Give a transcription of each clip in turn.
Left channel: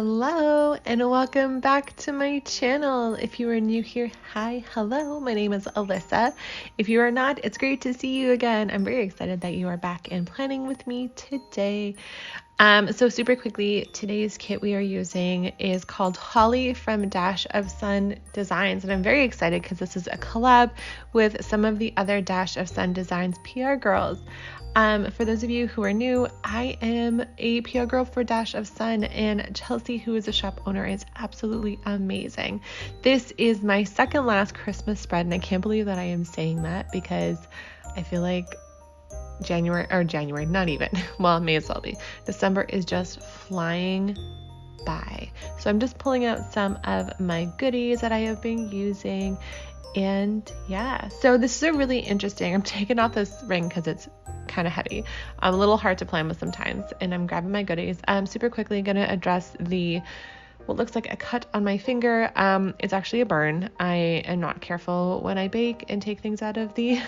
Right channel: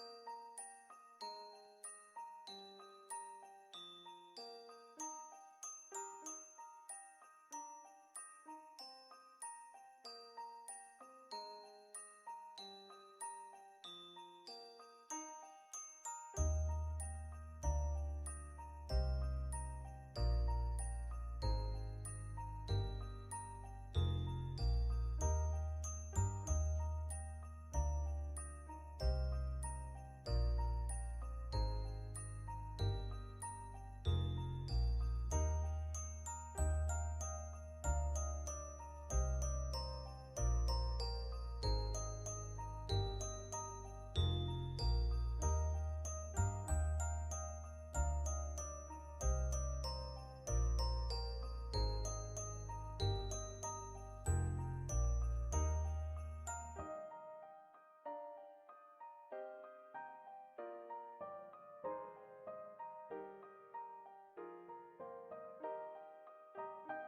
Hello and welcome back to my channel. If you are new here, hi, hello, my name is Alyssa. If you are not, it's great to see you again. I'm very excited that you are back and planning with me today. So super quickly, today's kit we are using is called Holly from Dash of Sun Designs, and I'm very excited because this is a collab with some of the other Dash of Sun Designs PR girls. For those of you who are new, I am a PR girl for Dash of Sun, and Chelsea, who is a shop owner, is absolutely amazing. This is my second last Christmas spread, and I can't believe that I am saying that because I feel like January, not even, well, it may as well be. December is just flying by. So I'm just pulling out some of my goodies that I have been using. And yeah, so this is a really interesting, I'm taking off this ring because it's kind of heavy, a little hard to plan with sometimes, and I'm grabbing my goodies. Super quickly going to address what looks like a cut on my finger. It's actually a burn. I am not careful when I bake and take things out of the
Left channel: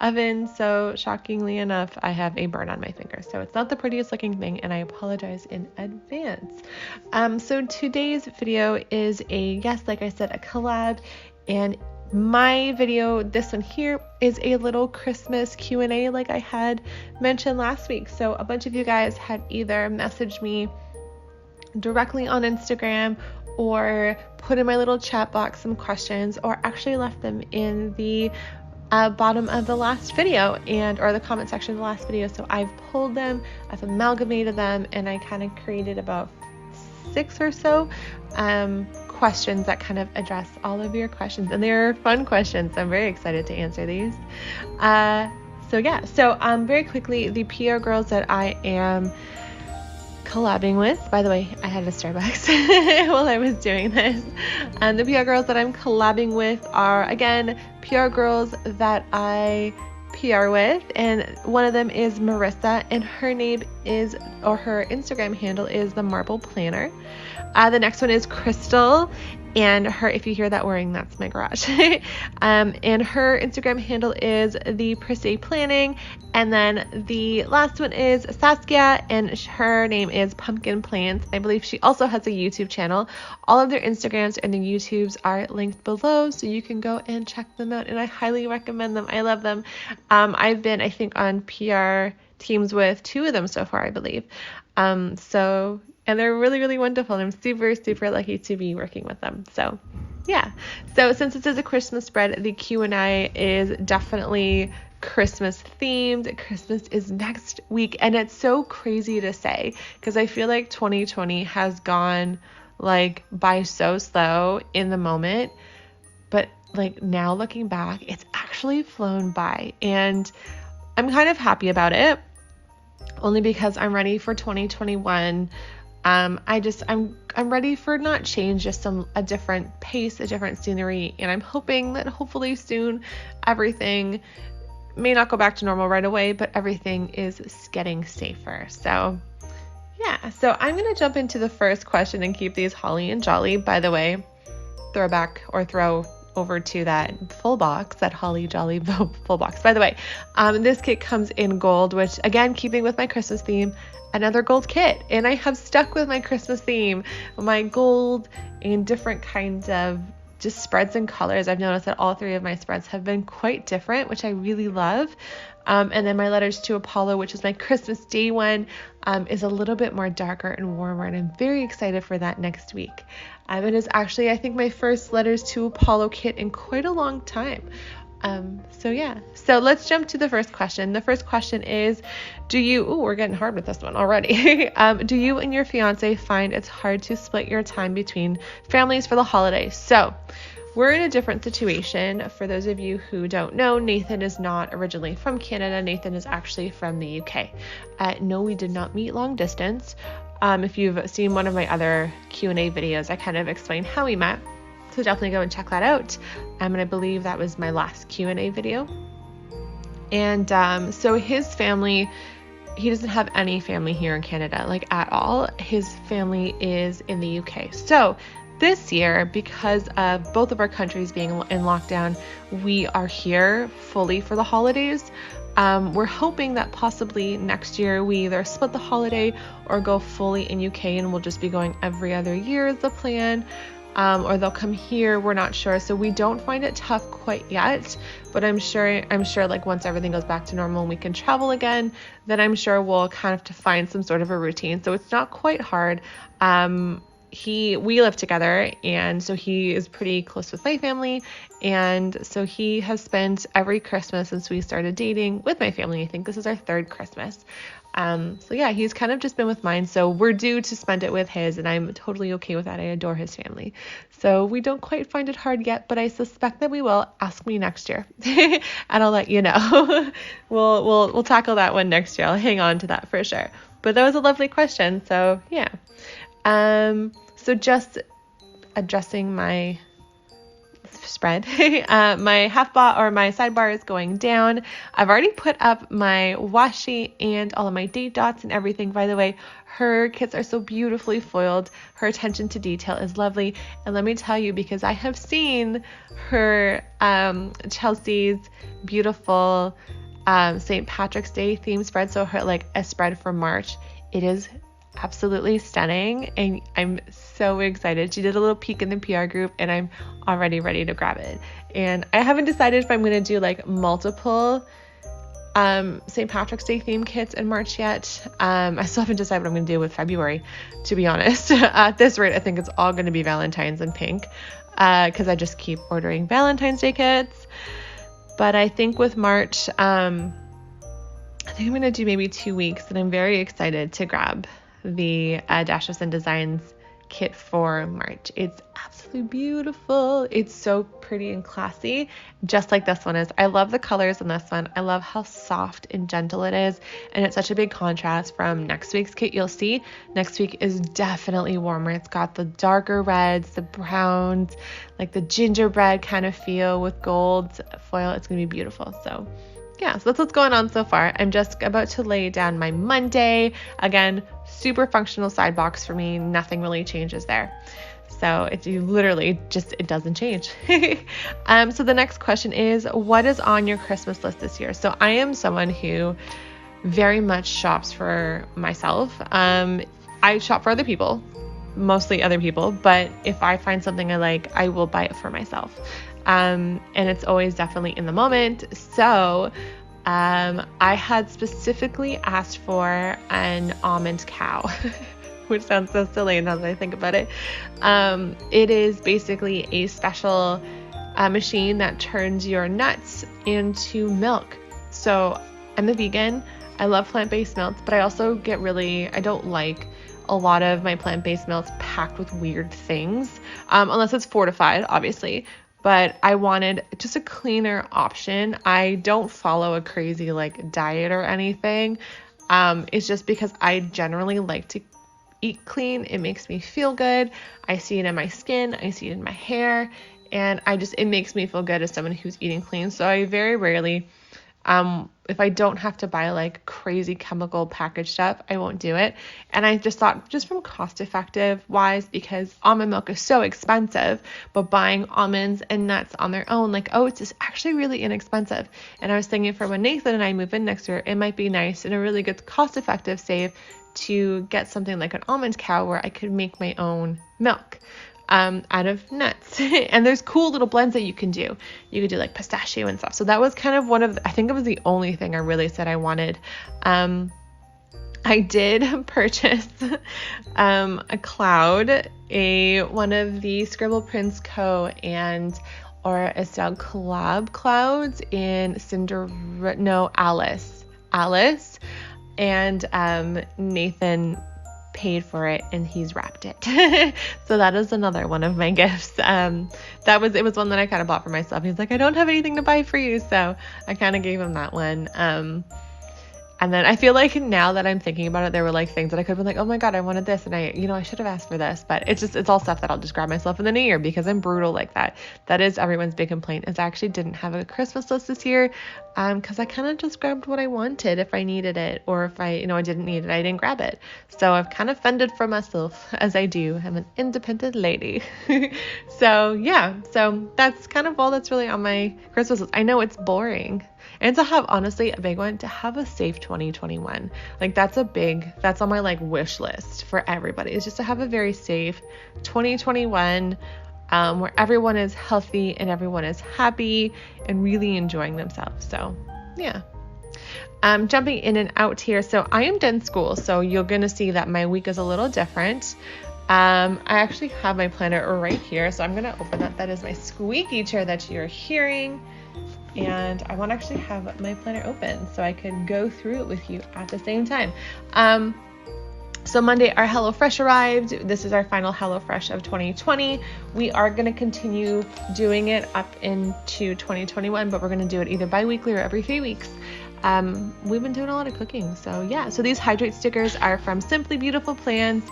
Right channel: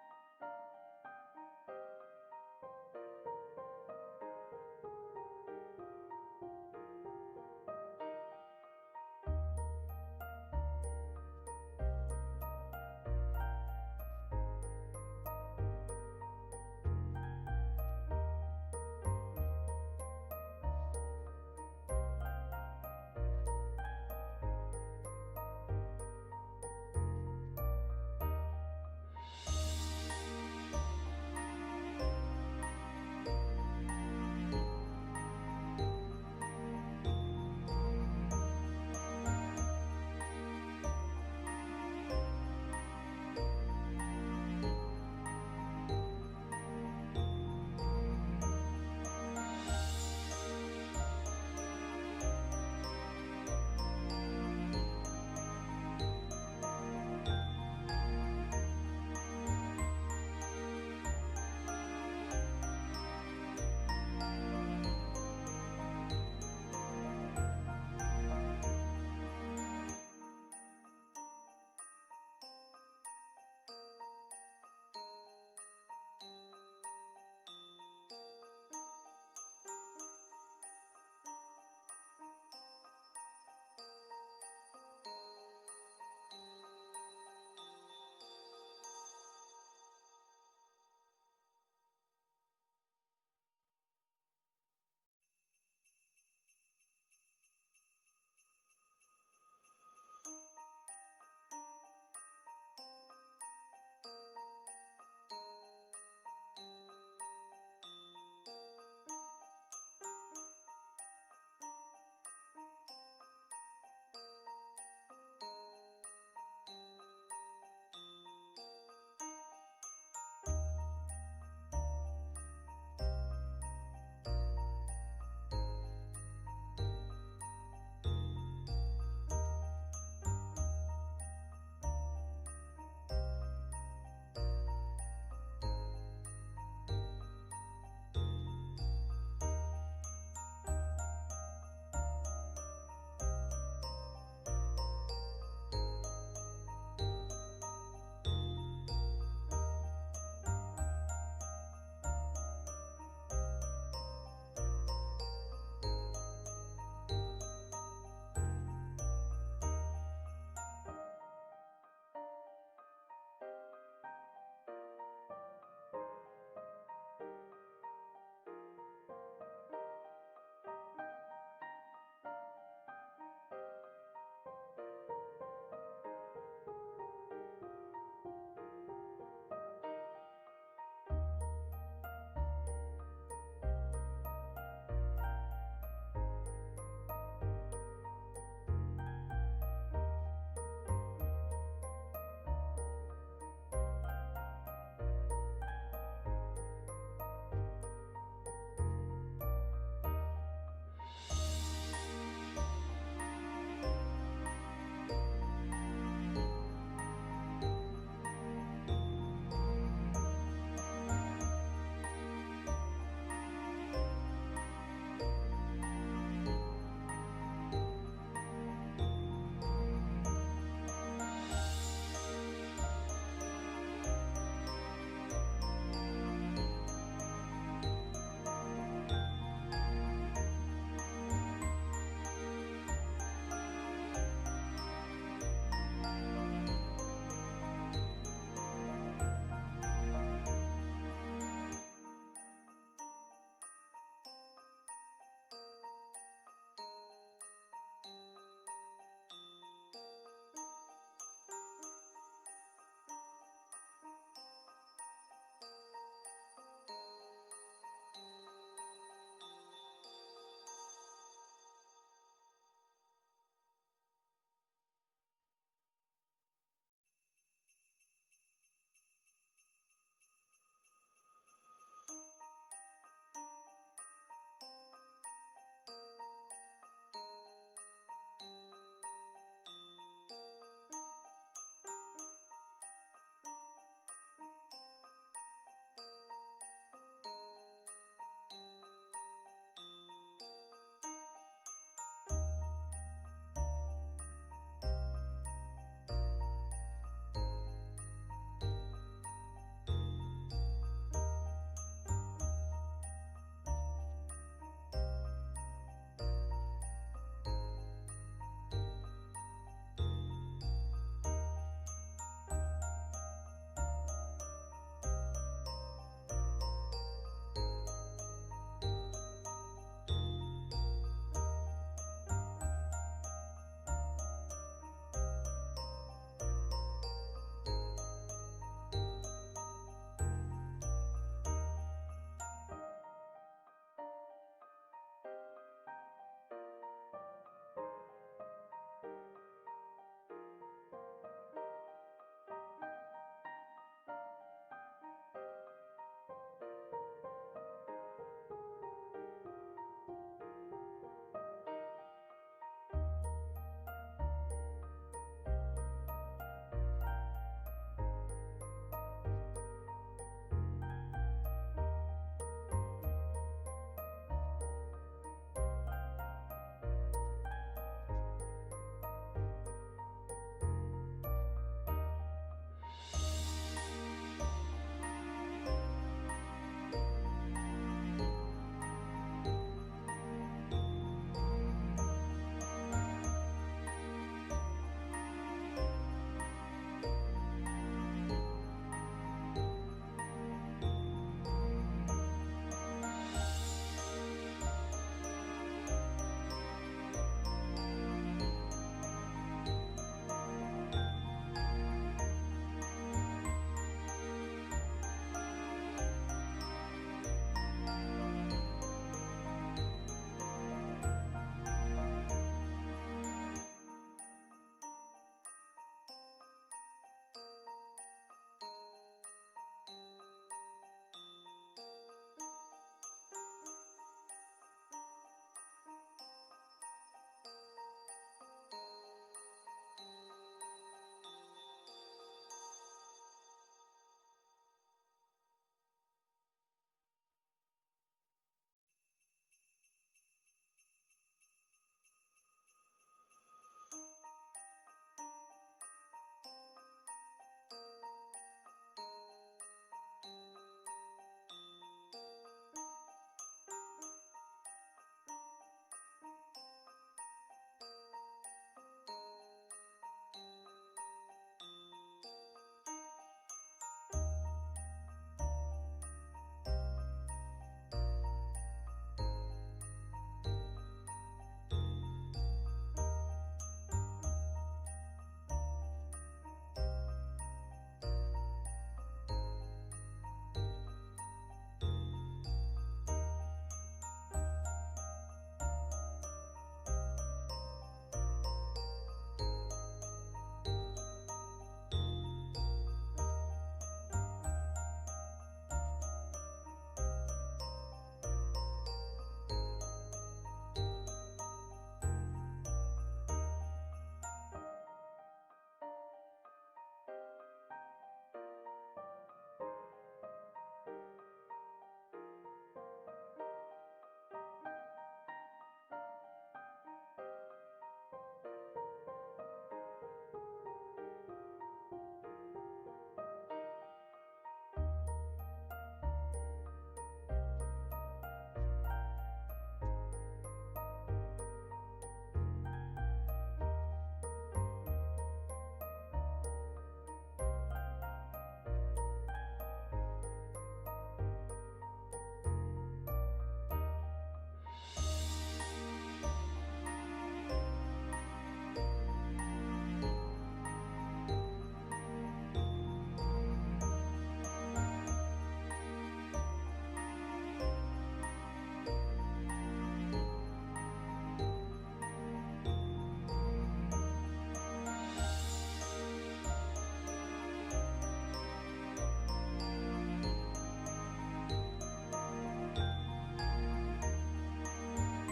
oven, so shockingly enough, I have a burn on my finger. So it's not the prettiest looking thing, and I apologize in advance. So today's video is like I said, a collab, and my video, this one here, is a little Christmas Q&A like I had mentioned last week. So a bunch of you guys had either messaged me directly on Instagram or put in my little chat box some questions, or actually left them in the bottom of the last video or the comment section of the last video. So I've pulled them, I've amalgamated them, and I kind of created about 6 or so questions that kind of address all of your questions, and they're fun questions. I'm very excited to answer these. So very quickly, the PR girls that I am collabing with, by the way, I had a Starbucks while I was doing this, and the PR girls that I'm collabing with are, again, PR girls that I PR with, and one of them is Marissa, and her Instagram handle is the Marble Planner. The next one is Chrystal, and if you hear that whirring, that's my garage. And her Instagram handle is the Prissy Planning. And then the last one is Saskia, and her name is Pumpkin Plants. I believe she also has a YouTube channel. All of their Instagrams and their YouTubes are linked below, so you can go and check them out, and I highly recommend them. I love them. I've been, I think, on PR teams with 2 of them so far, I believe. And they're really, really wonderful, and I'm super, super lucky to be working with them. So yeah, so since this is a Christmas spread, the Q&A is definitely Christmas themed. Christmas is next week, and it's so crazy to say because I feel like 2020 has gone by so slow in the moment, but now looking back, it's actually flown by, and I'm kind of happy about it, only because I'm ready for 2021. I'm ready for not change, just a different pace, a different scenery, and I'm hoping that hopefully soon everything may not go back to normal right away, but everything is getting safer. So yeah, so I'm going to jump into the first question and keep these holly and jolly. By the way, throw over to that full box, that holly jolly full box. By the way, this kit comes in gold, which, again, keeping with my Christmas theme, another gold kit, and I have stuck with my Christmas theme, my gold and different kinds of just spreads and colors. I've noticed that all 3 of my spreads have been quite different, which I really love. And then my Letters to Apollo, which is my Christmas Day one, is a little bit more darker and warmer, and I'm very excited for that next week. It is actually, I think, my first Letters to Apollo kit in quite a long time. So let's jump to the first question. The first question is, we're getting hard with this one already. Do you and your fiance find it's hard to split your time between families for the holidays? So we're in a different situation. For those of you who don't know, Nathan is not originally from Canada. Nathan is actually from the UK. No, we did not meet long distance. If you've seen one of my other Q&A videos, I kind of explain how we met. So definitely go and check that out. And I believe that was my last Q&A video. And so his family, he doesn't have any family here in Canada, at all. His family is in the UK. So this year, because of both of our countries being in lockdown, we are here fully for the holidays. We're hoping that possibly next year we either split the holiday or go fully in UK, and we'll just be going every other year is the plan. Or they'll come here. We're not sure. So we don't find it tough quite yet, but I'm sure like once everything goes back to normal and we can travel again, then I'm sure we'll kind of to find some sort of a routine. So it's not quite hard. We live together, and so he is pretty close with my family, and so he has spent every Christmas since we started dating with my family. I think this is our third Christmas. So yeah, he's kind of just been with mine, so we're due to spend it with his, and I'm totally okay with that. I adore his family. So we don't quite find it hard yet, but I suspect that we will. Ask me next year and I'll let you know. We'll tackle that one next year. I'll hang on to that for sure. But that was a lovely question. So yeah. So just adjusting my spread. My my sidebar is going down. I've already put up my washi and all of my date dots and everything. By the way, her kits are so beautifully foiled. Her attention to detail is lovely. And let me tell you, because I have seen her, Chelsea's beautiful St. Patrick's Day theme spread. So her, like, a spread for March. It is absolutely stunning, and I'm so excited. She did a little peek in the PR group, and I'm already ready to grab it. And I haven't decided if I'm going to do like multiple St. Patrick's Day theme kits in March yet. I still haven't decided what I'm going to do with February, to be honest. At this rate, I think it's all going to be Valentine's and pink, because I just keep ordering Valentine's Day kits. But I think with March, I think I'm going to do maybe 2 weeks, and I'm very excited to grab the Dash of Sin Designs kit for March. It's absolutely beautiful. It's so pretty and classy, just like this one is. I love the colors in this one. I love how soft and gentle it is, and it's such a big contrast from next week's kit. You'll see next week is definitely warmer. It's got the darker reds, the browns, like the gingerbread kind of feel with gold foil. It's gonna be beautiful. So yeah, so that's what's going on so far. I'm just about to lay down my Monday. Again, super functional side box for me. Nothing really changes there. So it doesn't change. So the next question is, what is on your Christmas list this year? So I am someone who very much shops for myself. I shop for other people, mostly other people, but if I find something I like, I will buy it for myself. And it's always definitely in the moment. So I had specifically asked for an almond cow, which sounds so silly now that I think about it. It is basically a special machine that turns your nuts into milk. So I'm a vegan. I love plant-based milks, but I also I don't like a lot of my plant-based milks packed with weird things, unless it's fortified, obviously. But I wanted just a cleaner option. I don't follow a crazy like diet or anything. It's just because I generally like to eat clean. It makes me feel good. I see it in my skin. I see it in my hair. And it makes me feel good as someone who's eating clean. So I very rarely, if I don't have to buy like crazy chemical packaged stuff, I won't do it. And I just thought, just from cost effective wise, because almond milk is so expensive, but buying almonds and nuts on their own, like oats, is actually really inexpensive. And I was thinking, for when Nathan and I move in next year, it might be nice and a really good cost effective save to get something like an almond cow where I could make my own milk out of nuts. And there's cool little blends that you can do. You could do like pistachio and stuff. So that was kind of I think it was the only thing I really said I wanted. I did purchase a cloud, one of the Scribble Prints Co. or Estelle Collab clouds in Alys. And Nathan paid for it and he's wrapped it. So that is another one of my gifts. It was one that I kind of bought for myself. He's like, I don't have anything to buy for you, so I kind of gave him that one. And then I feel like now that I'm thinking about it, there were like things that I could have been like, oh my God, I wanted this. And I should have asked for this, but it's all stuff that I'll just grab myself in the new year because I'm brutal like that. That is everyone's big complaint, is I actually didn't have a Christmas list this year. Cause I kind of just grabbed what I wanted if I needed it, or if I didn't need it, I didn't grab it. So I've kind of fended for myself, as I do. I'm an independent lady. So that's kind of all that's really on my Christmas list. I know it's boring. And to have, honestly, a big one, to have a safe 2021. Like that's on my like wish list for everybody, is just to have a very safe 2021, where everyone is healthy and everyone is happy and really enjoying themselves. So yeah. Jumping in and out here. So I am done school. So you're going to see that my week is a little different. I actually have my planner right here. So I'm going to open that. That is my squeaky chair that you're hearing. And I want to actually have my planner open so I could go through it with you at the same time. So Monday, our HelloFresh arrived. This is our final HelloFresh of 2020. We are going to continue doing it up into 2021, but we're going to do it either bi-weekly or every 3 weeks. We've been doing a lot of cooking. So yeah, so these hydrate stickers are from Simply Beautiful Plans,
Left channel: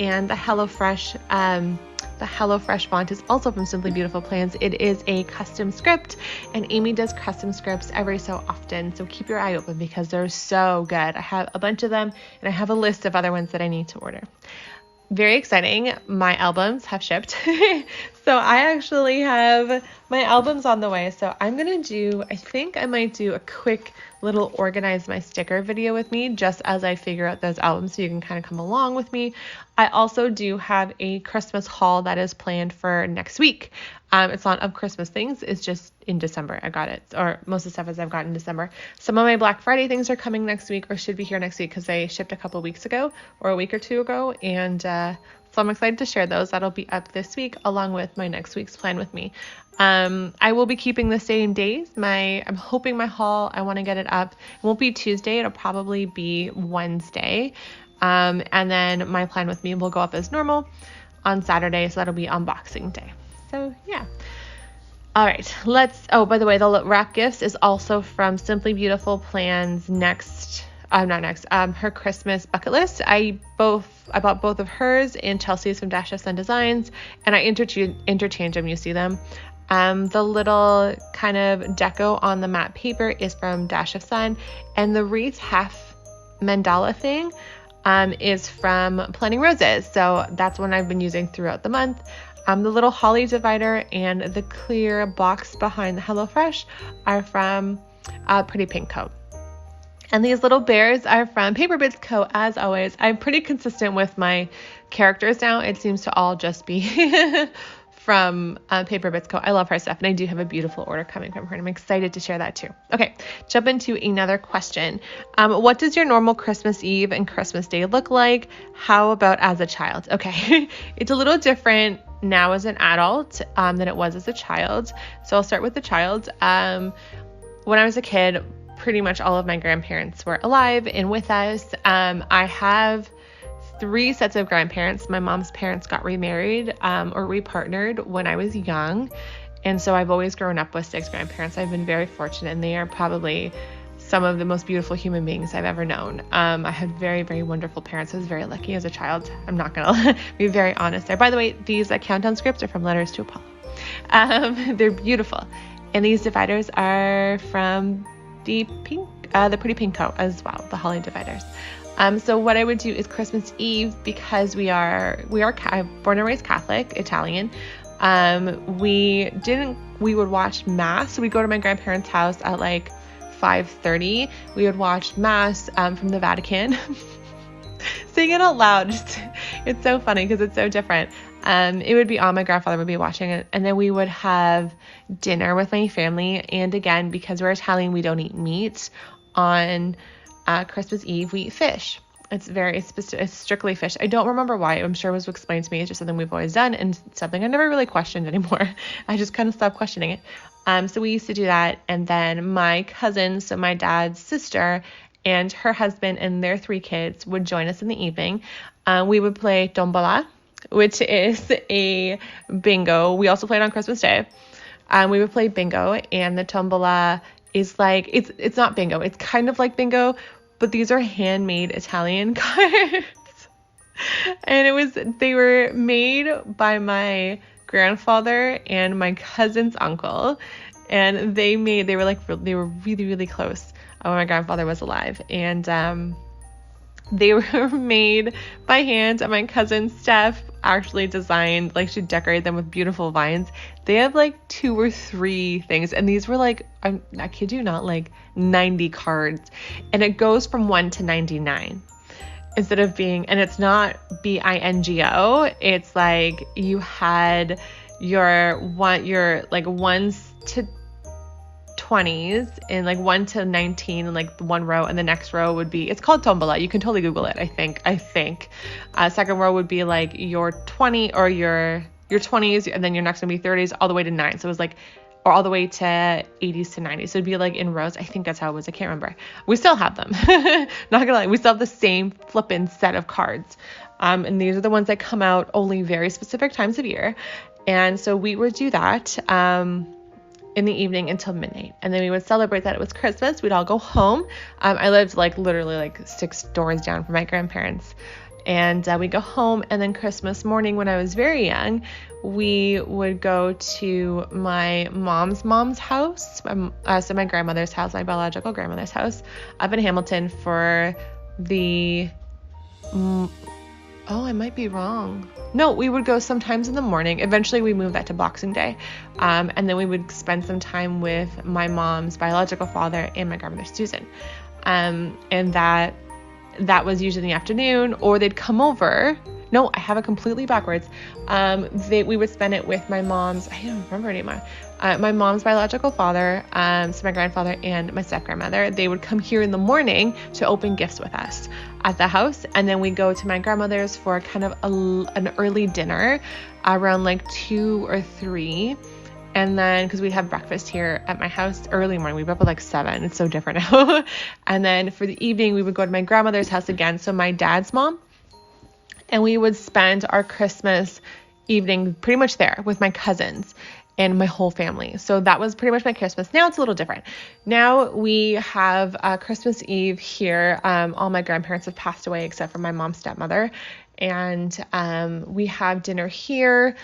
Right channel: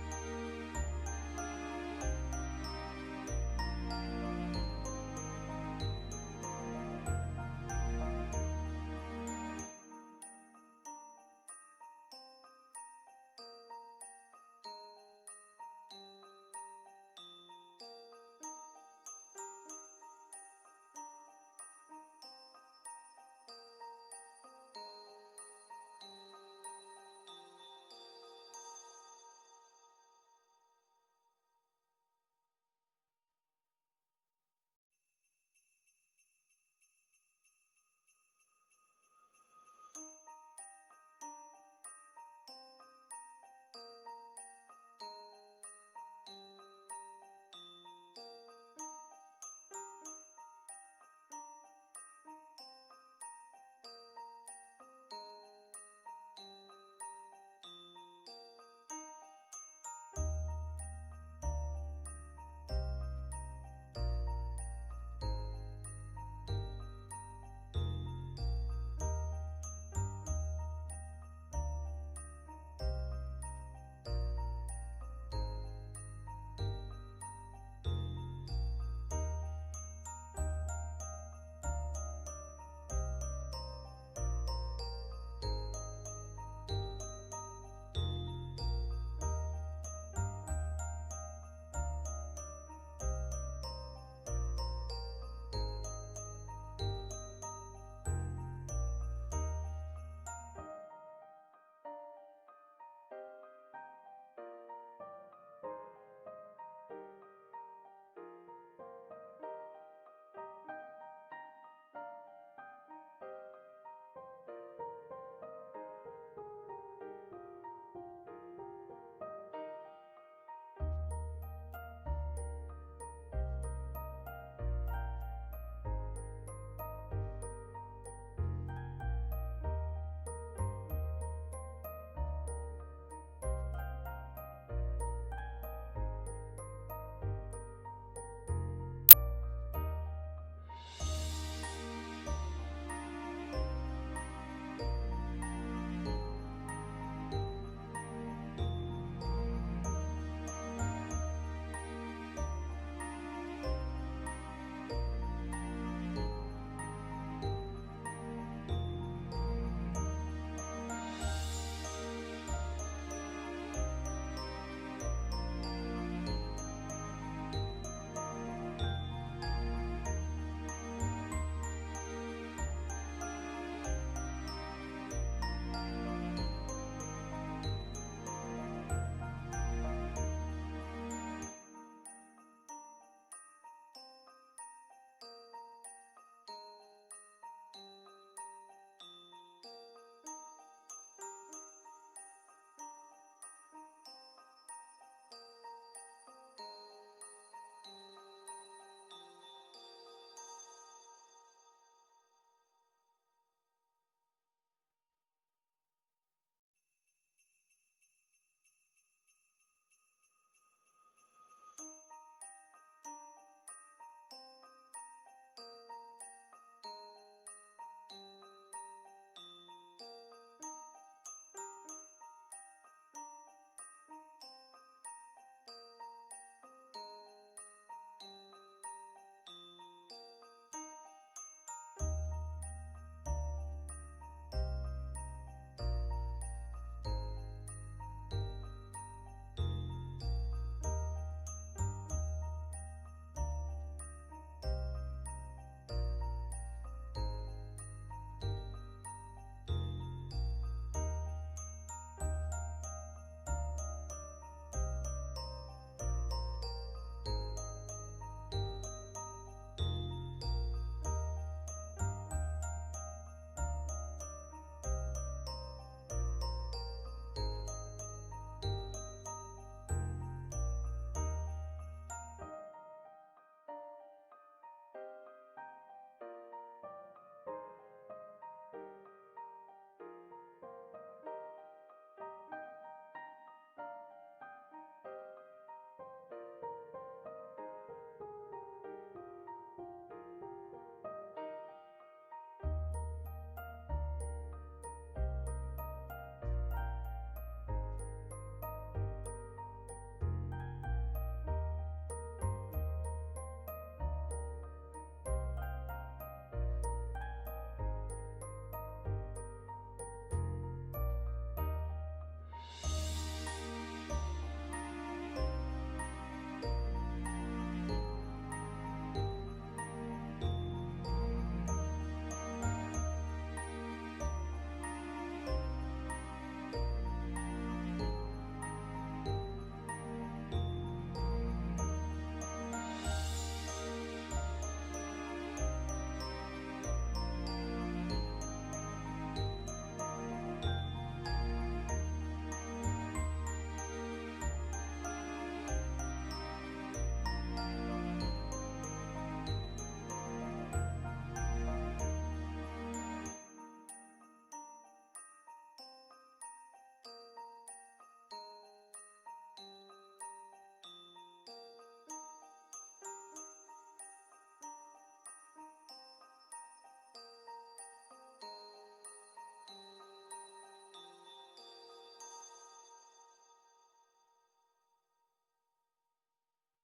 and the HelloFresh font is also from Simply Beautiful Plans. It is a custom script, and Amy does custom scripts every so often. So keep your eye open because they're so good. I have a bunch of them, and I have a list of other ones that I need to order. Very exciting. My albums have shipped. So I actually have my albums on the way. So I think I might do a quick little organize my sticker video with me just as I figure out those albums, so you can kind of come along with me. I also do have a Christmas haul that is planned for next week. It's not of Christmas things. It's just in December. I got it, or most of the stuff as I've gotten in December. Some of my Black Friday things are coming next week, or should be here next week, because they shipped a couple weeks ago or a week or two ago. And so I'm excited to share those. That'll be up this week along with my next week's plan with me. I will be keeping the same days. I'm hoping my haul, I want to get it up. It won't be Tuesday. It'll probably be Wednesday. And then my plan with me will go up as normal on Saturday. So that'll be unboxing day. So yeah. All right, by the way, the wrap gifts is also from Simply Beautiful Plans her Christmas bucket list. I bought both of hers and Chelsea's from Dash of Sun Designs, and I interchange them. You see them. The little kind of deco on the matte paper is from Dash of Sun, and the wreath half mandala thing is from Planning Roses. So that's one I've been using throughout the month. The little holly divider and the clear box behind the HelloFresh are from Pretty Pink Co. And these little bears are from Paper Bits Co. As always, I'm pretty consistent with my characters now. It seems to all just be from Paper Bits Co. I love her stuff, and I do have a beautiful order coming from her, and I'm excited to share that too. Okay, jump into another question. What does your normal Christmas Eve and Christmas Day look like? How about as a child? Okay, it's a little different now as an adult than it was as a child. So I'll start with the child. When I was a kid, pretty much all of my grandparents were alive and with us. I have 3 sets of grandparents. My mom's parents got remarried or repartnered when I was young. And so I've always grown up with 6 grandparents. I've been very fortunate, and they are probably some of the most beautiful human beings I've ever known. I had very, very wonderful parents. I was very lucky as a child. I'm not going to be very honest there. By the way, these countdown scripts are from Letters to Apollo. They're beautiful. And these dividers are from the Pretty Pink Co. as well, the holly dividers. So what I would do is Christmas Eve, because we are born and raised Catholic, Italian. We would watch Mass. So we'd go to my grandparents' house at like 5:30. We would watch Mass from the Vatican. Sing it out loud. It's so funny because it's so different. It would be on, my grandfather would be watching it, and then we would have dinner with my family. And again, because we're Italian, we don't eat meat on Christmas Eve. We eat fish. It's very specific. It's strictly fish. I don't remember why. I'm sure it was explained to me. It's just something we've always done, and something I never really questioned anymore. I just kind of stopped questioning it. So we used to do that. And then my cousin, so my dad's sister, and her husband and their 3 kids would join us in the evening. We would play tombola, which is a bingo. We also played on Christmas Day. We would play bingo, and the tombola is like, it's not bingo. It's kind of like bingo, but these are handmade Italian cards. And they were made by my grandfather and my cousin's uncle, and they were really, really close when my grandfather was alive, and they were made by hand, and my cousin Steph actually designed, like, she decorated them with beautiful vines. They have like 2 or 3 things, and these were like, I kid you not, like 90 cards, and it goes from 1 to 99 instead of being, and it's not BINGO, it's like you had your like 1s to 20s and like 1 to 19 and like one row, and the next row would be, it's called tombola. You can totally Google it. I think second row would be like your 20 or your 20s, and then your next one would be 30s all the way to 9. So it was like, or all the way to 80s to 90s. So it'd be like in rows. I think that's how it was. I can't remember. We still have them. Not gonna lie, we still have the same flippin' set of cards. And these are the ones that come out only very specific times of year. And so we would do that in the evening until midnight. And then we would celebrate that it was Christmas. We'd all go home. I lived like literally like 6 doors down from my grandparents. And we go home, and then Christmas morning when I was very young, we would go to my mom's house, so my grandmother's house, my biological grandmother's house, up in Hamilton for the, I might be wrong. No, we would go sometimes in the morning. Eventually we moved that to Boxing Day. And then we would spend some time with my mom's biological father and my grandmother Susan. And that was usually in the afternoon, or they'd come over. No, I have it completely backwards. We would spend it with my mom's, I don't remember anymore. My mom's biological father, so my grandfather and my step-grandmother, they would come here in the morning to open gifts with us at the house. And then we go to my grandmother's for kind of an early dinner around like 2 or 3. And then, because we'd have breakfast here at my house early morning, we'd be up at like 7. It's so different now. And then for the evening, we would go to my grandmother's house again, so my dad's mom. And we would spend our Christmas evening pretty much there with my cousins and my whole family. So that was pretty much my Christmas. Now it's a little different. Now we have Christmas Eve here. All my grandparents have passed away except for my mom's stepmother. And we have dinner here.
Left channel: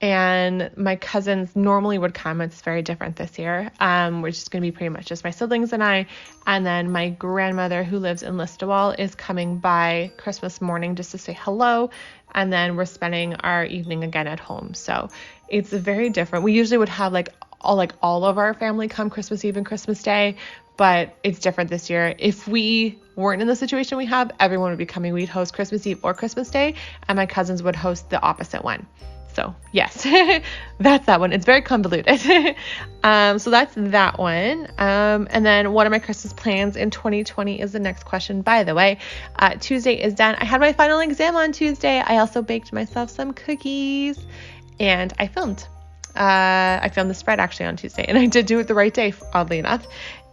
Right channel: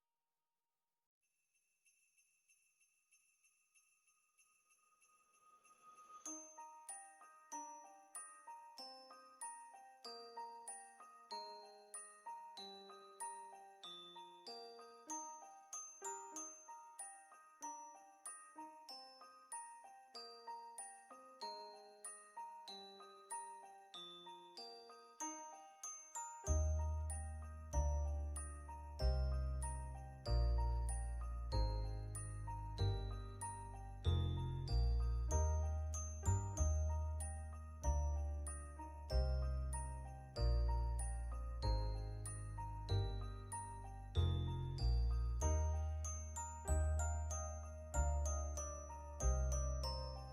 And my cousins normally would come. It's very different this year. We're just going to be pretty much just my siblings and I. And then my grandmother, who lives in Listowel, is coming by Christmas morning just to say hello. And then we're spending our evening again at home. So it's very different. We usually would have all of our family come Christmas Eve and Christmas Day, but it's different this year. If we weren't in the situation we have, everyone would be coming. We'd host Christmas Eve or Christmas Day, and my cousins would host the opposite one. So yes, that's that one. It's very convoluted. So that's that one. And then what are my Christmas plans in 2020 is the next question, by the way. Tuesday is done. I had my final exam on Tuesday. I also baked myself some cookies, and I filmed. I filmed the spread actually on Tuesday, and I did do it the right day, oddly enough.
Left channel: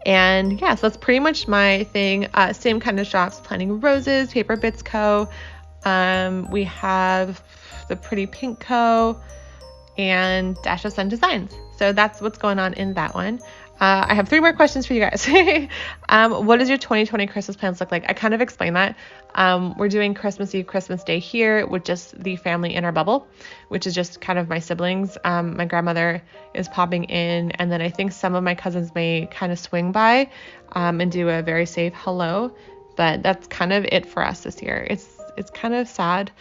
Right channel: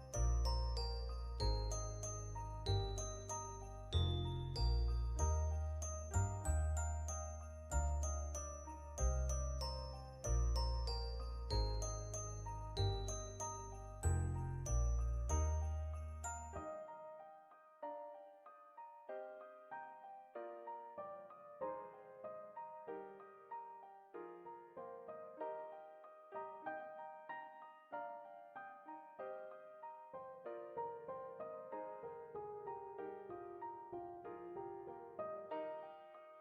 And yeah, so that's pretty much my thing. Same kind of shops, Planting Roses, Paper Bits Co. We have the Pretty Pink Co. and Dash of Sun Designs. So that's what's going on in that one. I have 3 more questions for you guys. What does your 2020 Christmas plans look like? I kind of explained that. We're doing Christmas Eve, Christmas Day here with just the family in our bubble, which is just kind of my siblings. My grandmother is popping in, and then I think some of my cousins may kind of swing by and do a very safe hello, but that's kind of it for us this year. It's kind of sad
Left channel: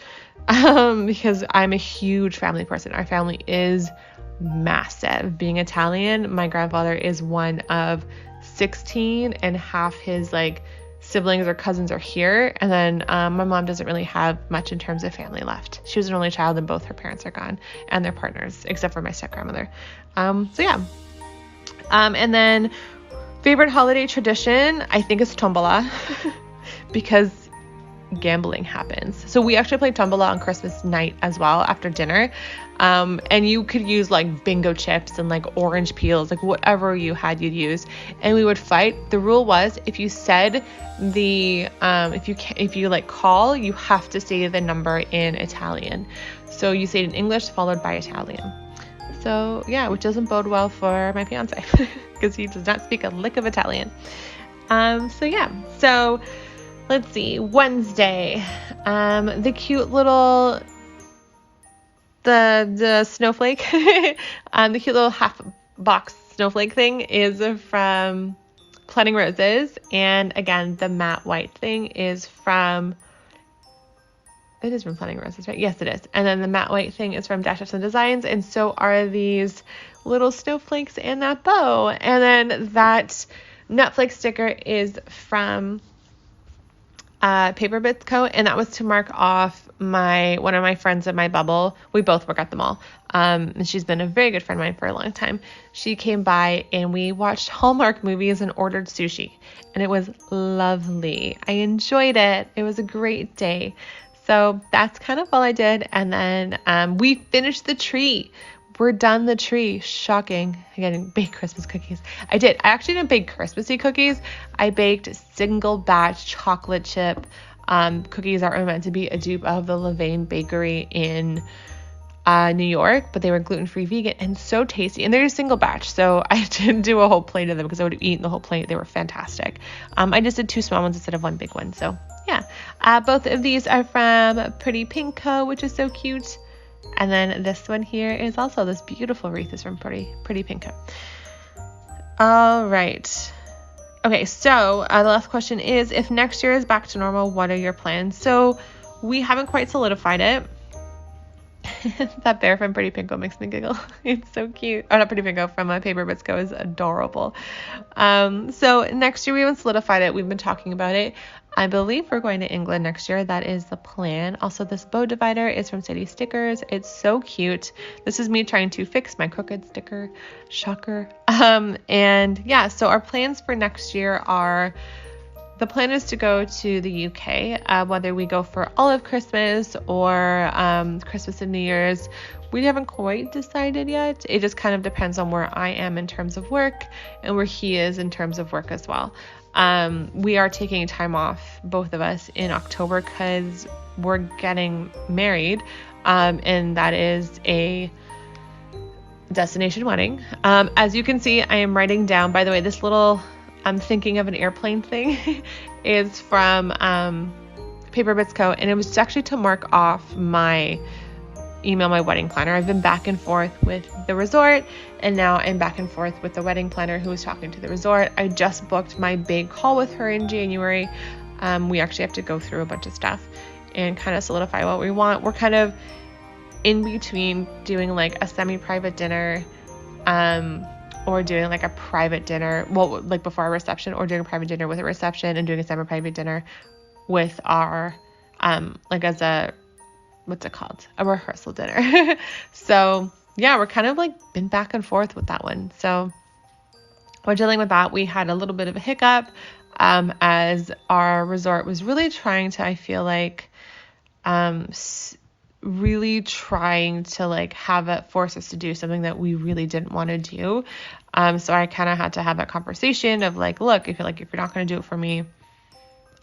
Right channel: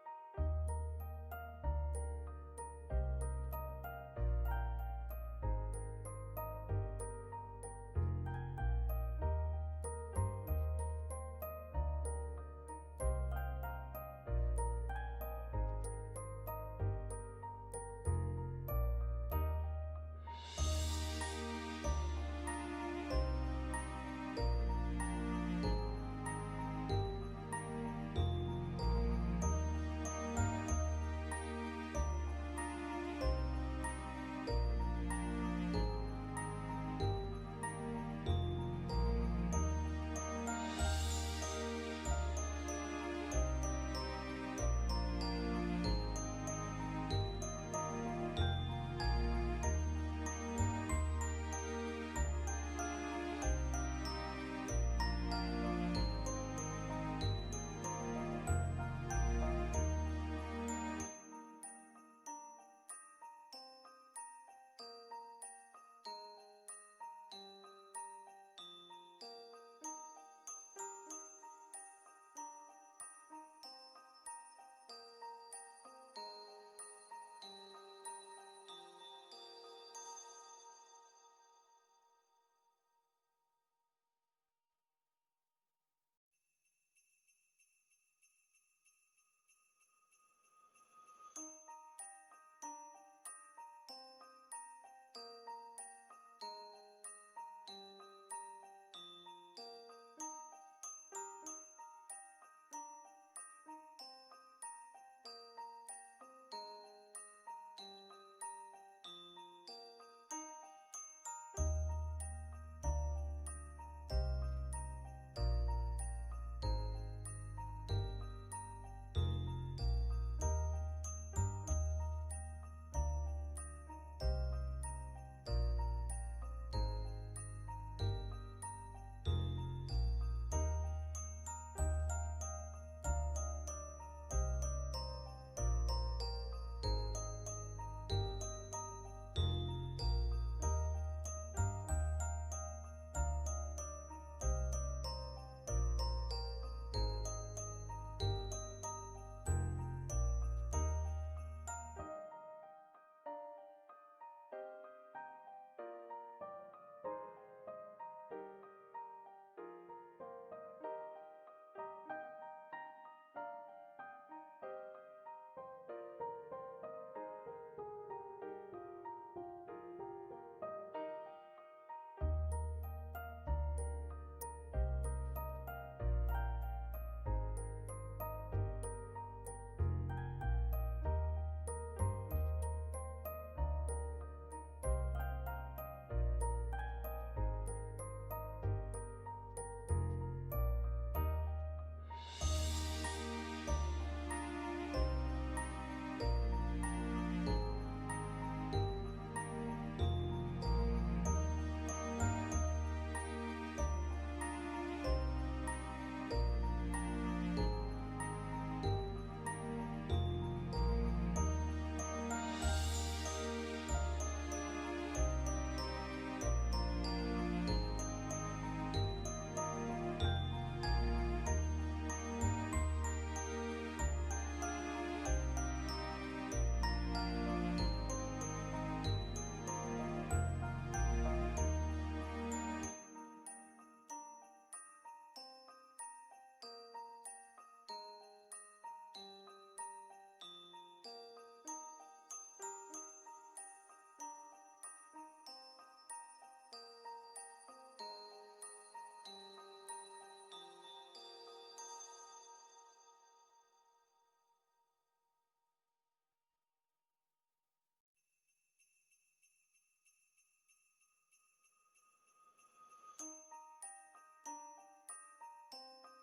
because I'm a huge family person. Our family is massive. Being Italian, my grandfather is one of 16, and half his siblings or cousins are here, and then my mom doesn't really have much in terms of family left. She was an only child, and both her parents are gone and their partners, except for my step grandmother. So yeah. And then favorite holiday tradition, I think, is tombola because gambling happens. So we actually played tombola on Christmas night as well after dinner. And you could use bingo chips and orange peels, whatever you had, you'd use. And we would fight. The rule was if you said if you call, you have to say the number in Italian. So you say it in English followed by Italian. So yeah, which doesn't bode well for my fiance because he does not speak a lick of Italian. So yeah, so let's see, Wednesday, the cute little, the snowflake, the cute little half box snowflake thing is from Planning Roses. And again, the matte white thing is from, it is from Planning Roses, right? Yes, it is. And then the matte white thing is from Dash Ups and Designs. And so are these little snowflakes and that bow. And then that Netflix sticker is from Paper Bits Co. And that was to mark off one of my friends in my bubble. We both work at the mall. And she's been a very good friend of mine for a long time. She came by and we watched Hallmark movies and ordered sushi. And it was lovely. I enjoyed it. It was a great day. So that's kind of all I did. And then we finished the tree. We're done the tree. Shocking. I didn't bake Christmas cookies. I did. I actually didn't bake Christmassy cookies. I baked single batch chocolate chip cookies that were meant to be a dupe of the Levain Bakery in New York, but they were gluten-free vegan and so tasty. And they're a single batch, so I didn't do a whole plate of them because I would have eaten the whole plate. They were fantastic. I just did 2 small ones instead of 1 big one. So yeah, both of these are from Pretty Pink Co., which is so cute. And then this one here is also this beautiful wreath is from Pretty Pink Co. All right. Okay, so the last question is, if next year is back to normal, what are your plans? So we haven't quite solidified it. That bear from Pretty Pinko makes me giggle. It's so cute. Oh, not Pretty Pinko, from Paper Bits Co. is adorable. So next year we haven't solidified it. We've been talking about it. I believe we're going to England next year. That is the plan. Also, this bow divider is from City Stickers. It's so cute. This is me trying to fix my crooked sticker. Shocker. And yeah, so our plans for next year are, the plan is to go to the UK, whether we go for all of Christmas or Christmas and New Year's. We haven't quite decided yet. It just kind of depends on where I am in terms of work and where he is in terms of work as well. We are taking time off, both of us, in October because we're getting married, and that is a destination wedding. As you can see, I am writing down, by the way, this little I'm thinking of an airplane thing is from Paper Bits Co. And it was actually to mark off my wedding planner. I've been back and forth with the resort, and now I'm back and forth with the wedding planner who was talking to the resort. I just booked my big call with her in January. We actually have to go through a bunch of stuff and kind of solidify what we want. We're kind of in between doing like a semi-private dinner, or doing like a private dinner, well, like before our reception, or doing a private dinner with a reception and doing a semi-private dinner with our, like as a, what's it called? A rehearsal dinner. So yeah, we're kind of like been back and forth with that one. So we're dealing with that. We had a little bit of a hiccup, as our resort was really trying to, I feel like, really trying to like have it force us to do something that we really didn't want to do. So I kind of had to have that conversation of like, look, if you're not going to do it for me,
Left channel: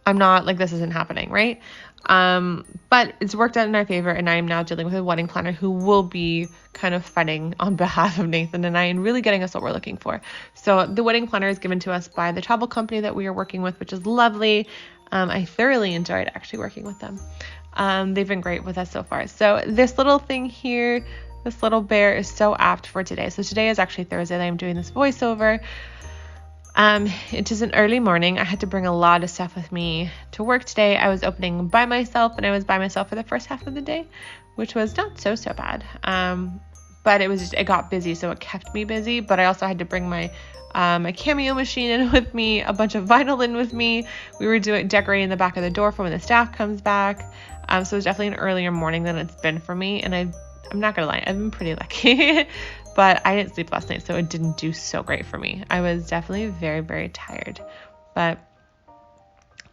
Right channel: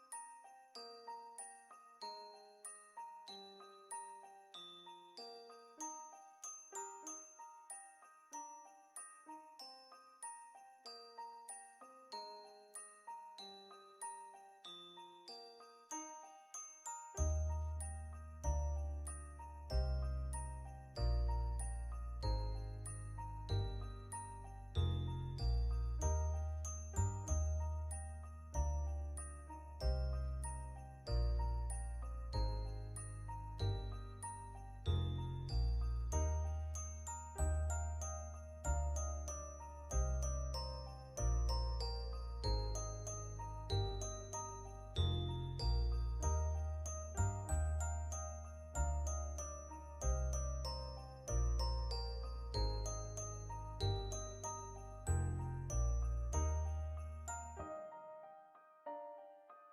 I'm not, like, this isn't happening, right? But it's worked out in our favor, and I am now dealing with a wedding planner who will be kind of fighting on behalf of Nathan and I and really getting us what we're looking for. So the wedding planner is given to us by the travel company that we are working with, which is lovely. I thoroughly enjoyed actually working with them. They've been great with us so far. So this little thing here, this little bear is so apt for today. So today is actually Thursday that I'm doing this voiceover. It is an early morning. I had to bring a lot of stuff with me to work today. I was opening by myself, and I was by myself for the first half of the day, which was not so bad. But it got busy, so it kept me busy. But I also had to bring my Cameo machine in with me, a bunch of vinyl in with me. We were decorating the back of the door for when the staff comes back. So it was definitely an earlier morning than it's been for me. And I'm not gonna lie, I've been pretty lucky. But I didn't sleep last night, so it didn't do so great for me. I was definitely very, very tired. But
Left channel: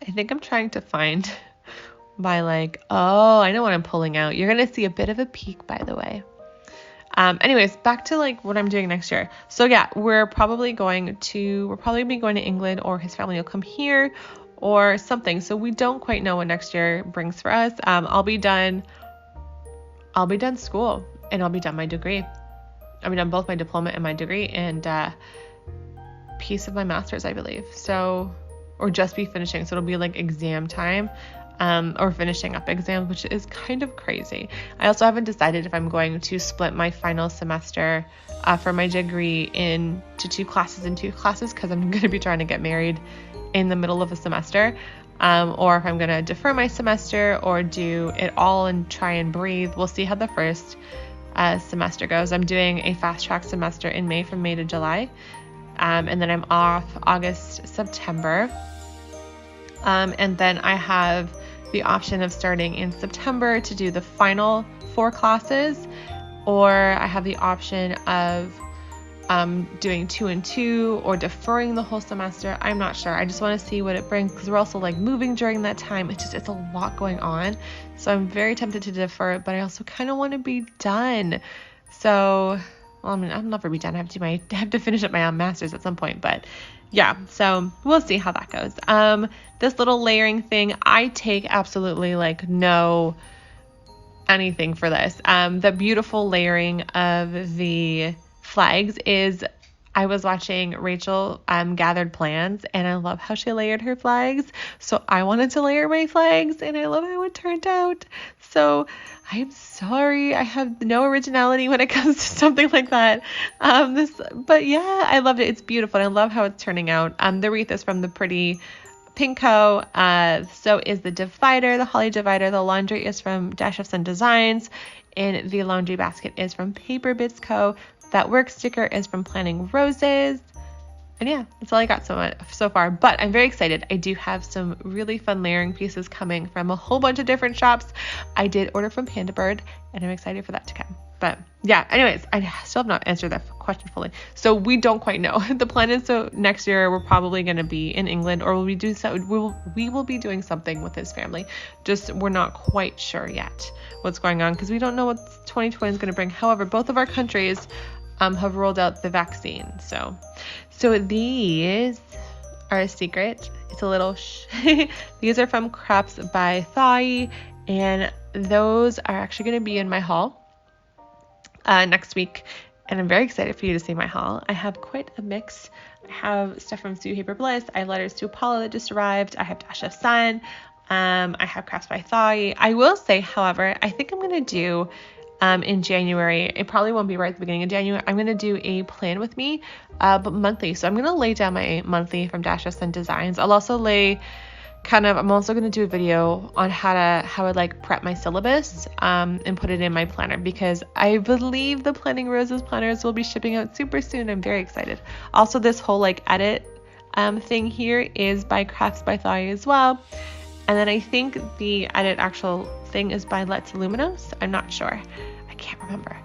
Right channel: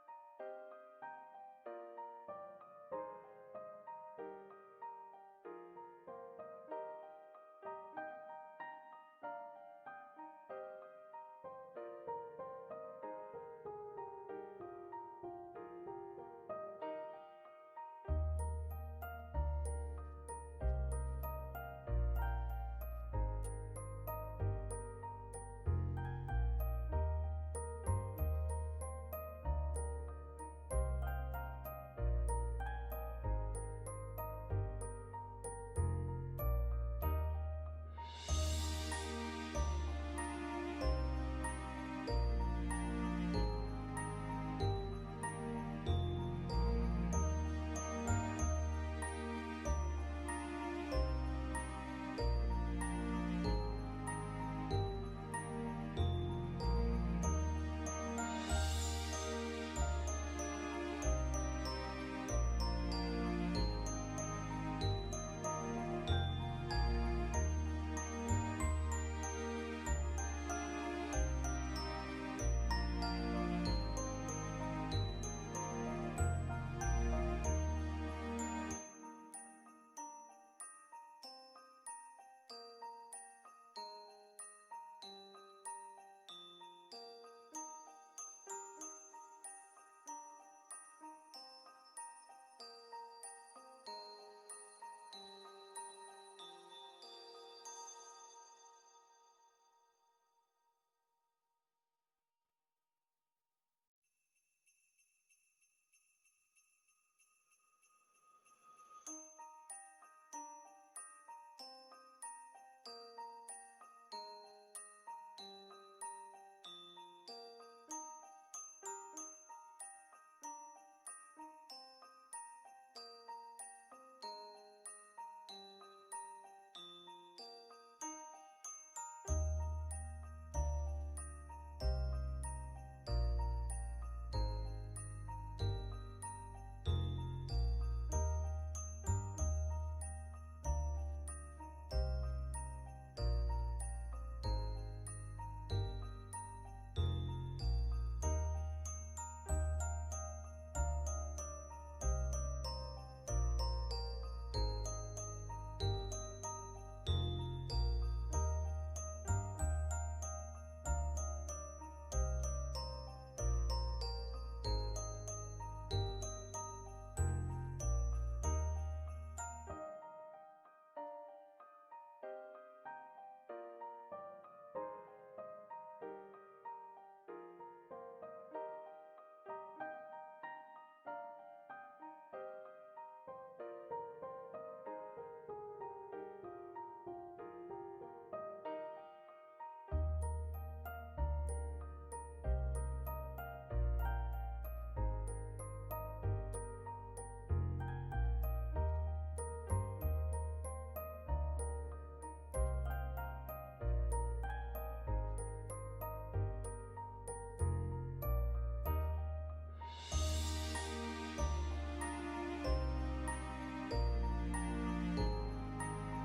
I think I'm trying to find my I know what I'm pulling out. You're going to see a bit of a peek, by the way. Anyways, back to what I'm doing next year. So yeah, we're probably going to England, or his family will come here or something. So we don't quite know what next year brings for us. I'll be done school, and I'll be done my degree. I've done both my diploma and my degree, and piece of my master's, I believe. So or just be finishing. So it'll be like exam time. Or finishing up exams, which is kind of crazy. I also haven't decided if I'm going to split my final semester for my degree into 2 classes because I'm going to be trying to get married in the middle of a semester, or if I'm going to defer my semester or do it all and try and breathe. We'll see how the first semester goes. I'm doing a fast track semester in May, from May to July, and then I'm off August, September, and then I have the option of starting in September to do the final 4 classes, or I have the option of doing 2 and 2 or deferring the whole semester. I'm not sure. I just want to see what it brings, because we're also like moving during that time. It's a lot going on. So I'm very tempted to defer it, but I also kind of want to be done. So, well, I mean, I'll never be done. I have to finish up my master's at some point, but yeah, so we'll see how that goes. This little layering thing, I take absolutely like no anything for this. The beautiful layering of the flags is, I was watching Rachel Gathered Plans, and I love how she layered her flags. So I wanted to layer my flags, and I love how it turned out. So I'm sorry, I have no originality when it comes to something like that. But yeah, I loved it. It's beautiful, and I love how it's turning out. The wreath is from the Pretty Pinko. So is the divider, the holly divider. The laundry is from Dash of Sun Designs, and the laundry basket is from Paper Bits Co. That work sticker is from Planning Roses. And yeah, that's all I got so far, but I'm very excited. I do have some really fun layering pieces coming from a whole bunch of different shops. I did order from Panda Bird, and I'm excited for that to come. But yeah, anyways, I still have not answered that question fully. So we don't quite know. The plan is, so next year we're probably going to be in England, or we will be doing something with his family. Just we're not quite sure yet what's going on, because we don't know what 2020 is going to bring. However, both of our countries have rolled out the vaccine. So these are a secret. It's a little these are from Crafts by Thai, and those are actually going to be in my haul next week, and I'm very excited for you to see my haul. I have quite a mix. I have stuff from Sue Paper Bliss. I have letters to Apollo that just arrived. I have Dash of Sun. I have Crafts by Thai. I will say, however, I think I'm going to do in January, it probably won't be right at the beginning of January, I'm going to do a plan with me, but monthly. So I'm going to lay down my monthly from Dash of Sun Designs. I'll also I'm also going to do a video on how I like prep my syllabus, and put it in my planner, because I believe the Planning Roses planners will be shipping out super soon. I'm very excited. Also, this whole like edit, thing here is by Crafts by Thai as well. And then I think the edit actual thing is by Let's Luminous. I'm not sure. I can't remember.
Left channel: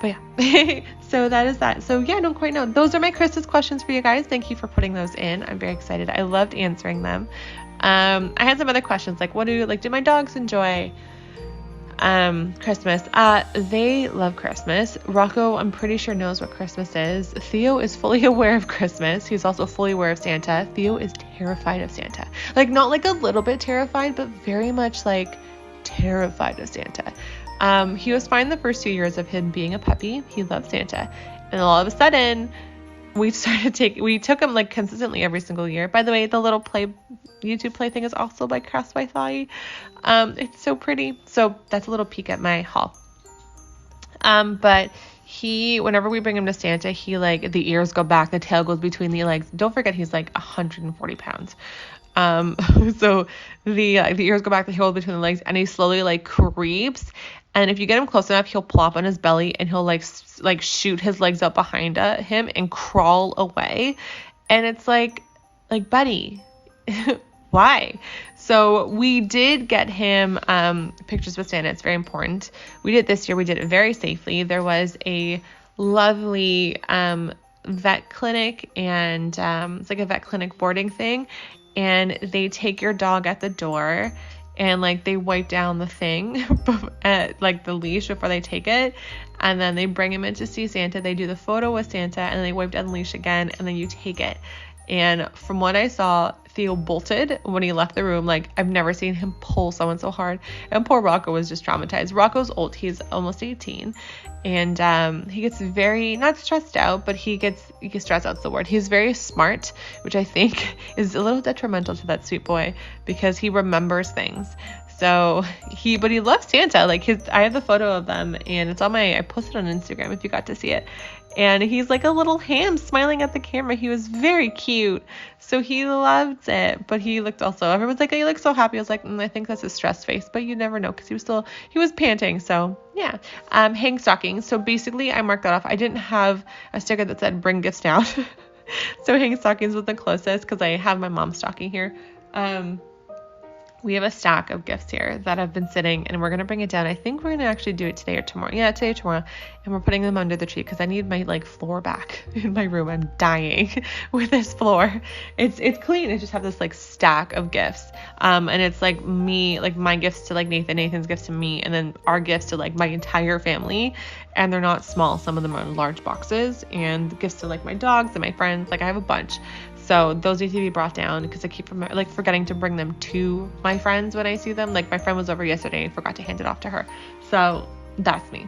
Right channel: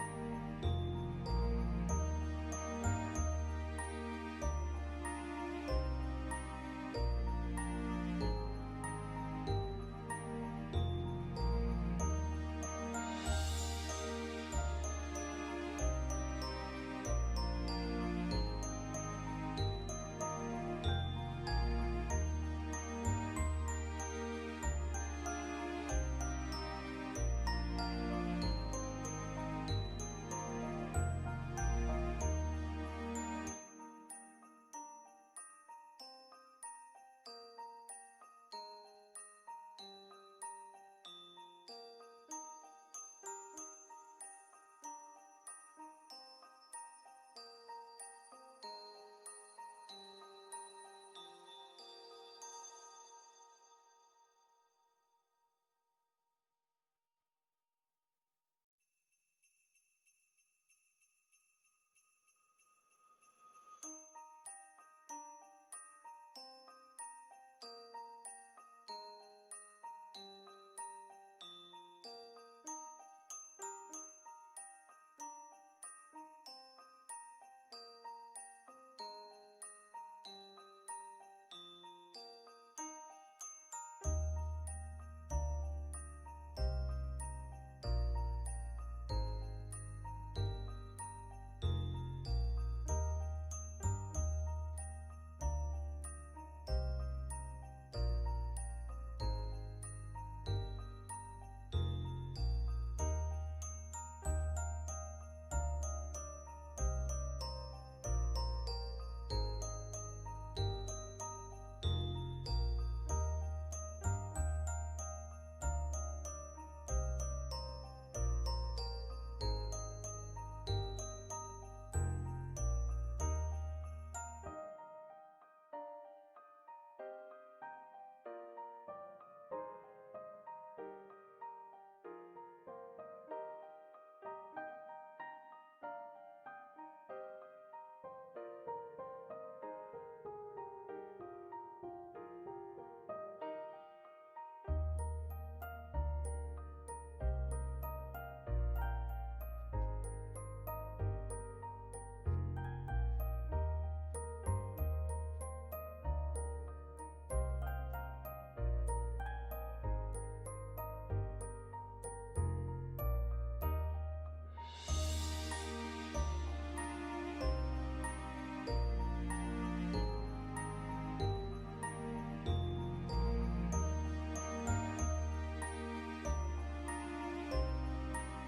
But yeah, so that is that. So yeah, I don't quite know. Those are my Christmas questions for you guys. Thank you for putting those in. I'm very excited. I loved answering them. I had some other questions like, do my dogs enjoy Christmas? They love Christmas. Rocco, I'm pretty sure, knows what Christmas is. Theo is fully aware of Christmas. He's also fully aware of Santa. Theo is terrified of Santa. Like, not like a little bit terrified, but very much like terrified of Santa. He was fine the first 2 years of him being a puppy. He loved Santa. And all of a sudden, we took him like consistently every single year. By the way, the little YouTube play thing is also by Crafts by Thai. It's so pretty. So that's a little peek at my haul. But whenever we bring him to Santa, he like, the ears go back, the tail goes between the legs. Don't forget, he's like 140 pounds. So the ears go back, the tail between the legs, and he slowly like creeps. And if you get him close enough, he'll plop on his belly, and he'll like shoot his legs up behind him and crawl away. And it's like buddy, why? So we did get him pictures with Santa. It's very important. We did it this year. We did it very safely. There was a lovely vet clinic, and it's like a vet clinic boarding thing, and they take your dog at the door, and like they wipe down the thing like the leash before they take it, and then they bring him in to see Santa. They do the photo with Santa, and then they wipe down the leash again, and then you take it. And from what I saw, Theo bolted when he left the room. Like, I've never seen him pull someone so hard. And poor Rocco was just traumatized. Rocco's old. He's almost 18. And he gets very, not stressed out, but he gets stress out's the word. He's very smart, which I think is a little detrimental to that sweet boy because he remembers things. So but he loves Santa. Like I have the photo of them and it's on I posted on Instagram if you got to see it. And he's like a little ham smiling at the camera. He was very cute. So he loved it. But he looked everyone's like, oh, you look so happy. I was like, I think that's his stress face, but you never know because he was panting. So yeah. Hang stockings. So basically I marked that off. I didn't have a sticker that said bring gifts down. So hang stockings was the closest because I have my mom's stocking here. We have a stack of gifts here that have been sitting and we're going to bring it down. I think we're going to actually do it today or tomorrow. Yeah, today or tomorrow. And we're putting them under the tree because I need my floor back in my room. I'm dying with this floor. It's clean. I just have this stack of gifts. And it's me, my gifts to Nathan, Nathan's gifts to me, and then our gifts to my entire family. And they're not small. Some of them are in large boxes, and gifts to my dogs and my friends. I have a bunch. So those need to be brought down because I keep forgetting to bring them to my friends when I see them. My friend was over yesterday and forgot to hand it off to her. So that's me.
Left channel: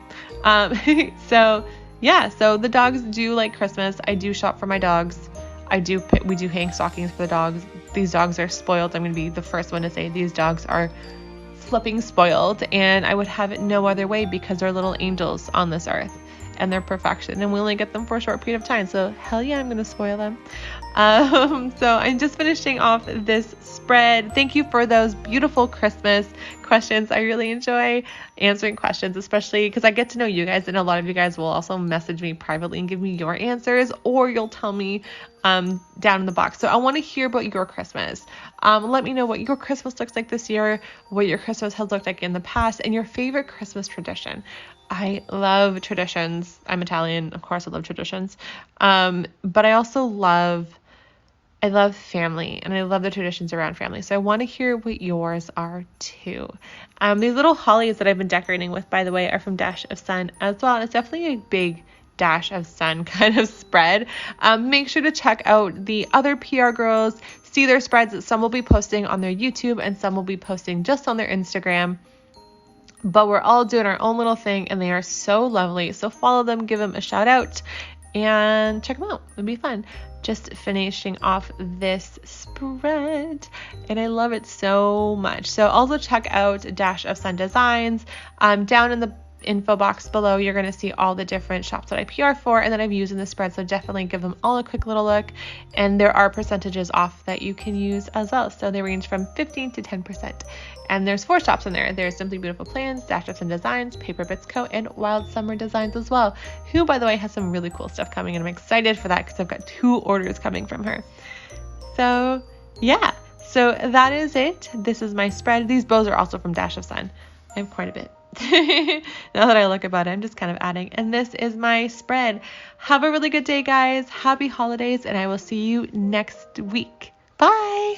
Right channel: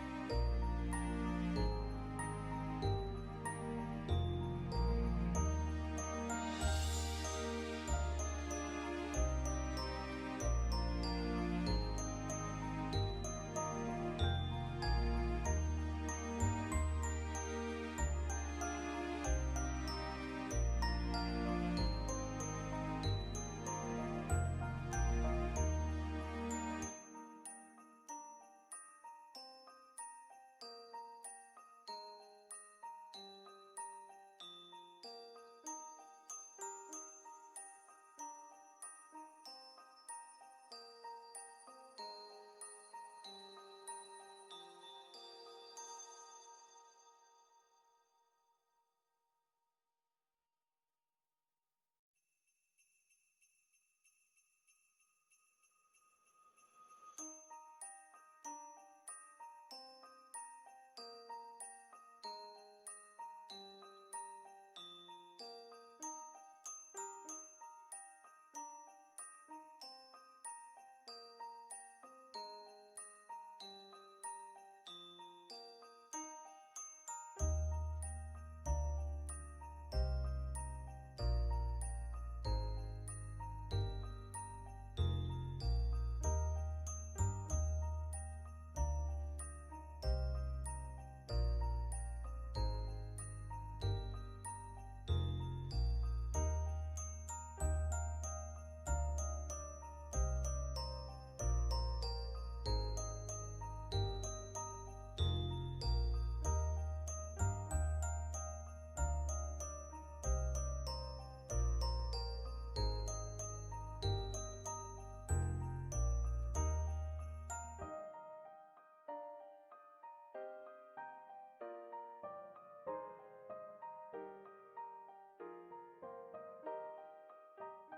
So yeah, so the dogs do like Christmas. I do shop for my dogs. We do hang stockings for the dogs. These dogs are spoiled. I'm going to be the first one to say these dogs are flipping spoiled, and I would have it no other way because they're little angels on this earth and they're perfection, and we only get them for a short period of time. So hell yeah, I'm going to spoil them. So I'm just finishing off this spread. Thank you for those beautiful Christmas questions. I really enjoy answering questions, especially because I get to know you guys, and a lot of you guys will also message me privately and give me your answers, or you'll tell me down in the box. So I want to hear about your Christmas. Let me know what your Christmas looks like this year, what your Christmas has looked like in the past, and your favorite Christmas tradition. I love traditions. I'm Italian, of course I love traditions. But I also love family, and I love the traditions around family. So I want to hear what yours are too. These little hollies that I've been decorating with, by the way, are from Dash of Sun as well. It's definitely a big Dash of Sun kind of spread. Make sure to check out the other PR girls, see their spreads. Some will be posting on their YouTube and some will be posting just on their Instagram. But we're all doing our own little thing, and they are so lovely. So follow them, give them a shout out, and check them out. It'll be fun. Just finishing off this spread, and I love it so much. So also check out Dash of Sun Designs. Down in the info box below, you're going to see all the different shops that I PR for and that I've used in the spread. So definitely give them all a quick little look, and there are percentages off that you can use as well. So they range from 15 to 10%. And there's 4 shops in there. There's Simply Beautiful Plans, Dash of Sun Designs, Paper Bits Co., and Wild Summer Designs as well, who, by the way, has some really cool stuff coming, and I'm excited for that because I've got 2 orders coming from her. So yeah, so that is it. This is my spread. These bows are also from Dash of Sun. I have quite a bit. Now that I look about it, I'm just kind of adding. And this is my spread. Have a really good day, guys. Happy holidays, and I will see you next week. Bye.